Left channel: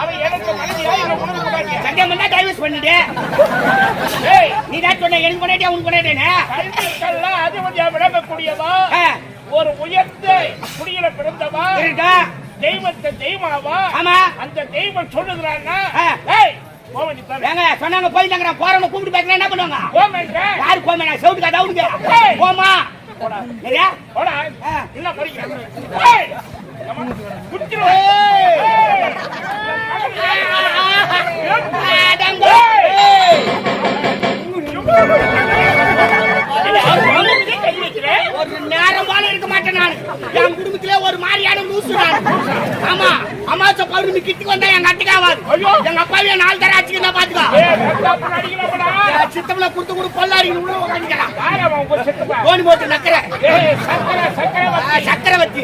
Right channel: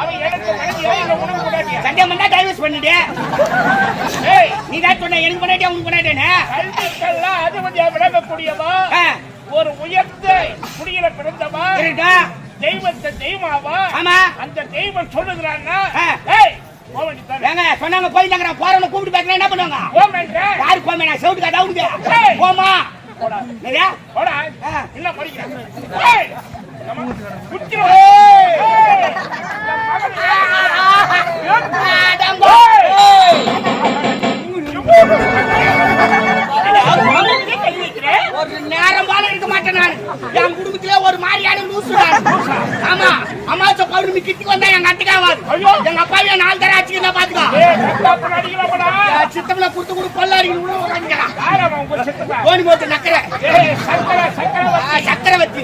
அவன் எனக்கு மனைவியா இல்ல உனக்கு கொண்டாட்டியா? சந்தேகம் பண்ணா டைவர்ஸ் பண்ணிட்டு நீ தான் சொன்ன எனக்கு கொண்டாட்டியா உனக்கு கொண்டாட்டேன்னு. கல்விக்கெல்லாம் அதிபதியா விளங்கக்கூடியவா ஒரு உயர்ந்த குடியில பிறந்தவா தெய்வத்தை தெய்வமாவா? ஆமா. அந்த தெய்வம் சொல்லுகிறான்னா சொன்னாங்க போயிட்டாங்க போறவங்க கூப்பிட்டு பேசுறேன் என்ன பண்ணுவாங்க? யாரு போமே நான் செவுட்டு காட்டா உனக்கு போமா இல்ல படிக்கிறேன் ஒரு நேரம் போல இருக்க மாட்டேன் நான். என் குடும்பத்திலே ஒரு மாதிரியான லூசு நான். ஆமா அமாச்ச பௌர்ணமி கிட்டி வந்தா எங்க அட்டுக்காவாது. எங்க அப்பாவே 4 தடவை அடிச்சுக்கிட்டா பாத்துக்கோ. சித்தம்ல குடுத்து கூட கொள்ளாடிக்கணும் உள்ள உட்காந்துக்கடா. கோணி போட்டு நக்கற சக்கரை வச்சு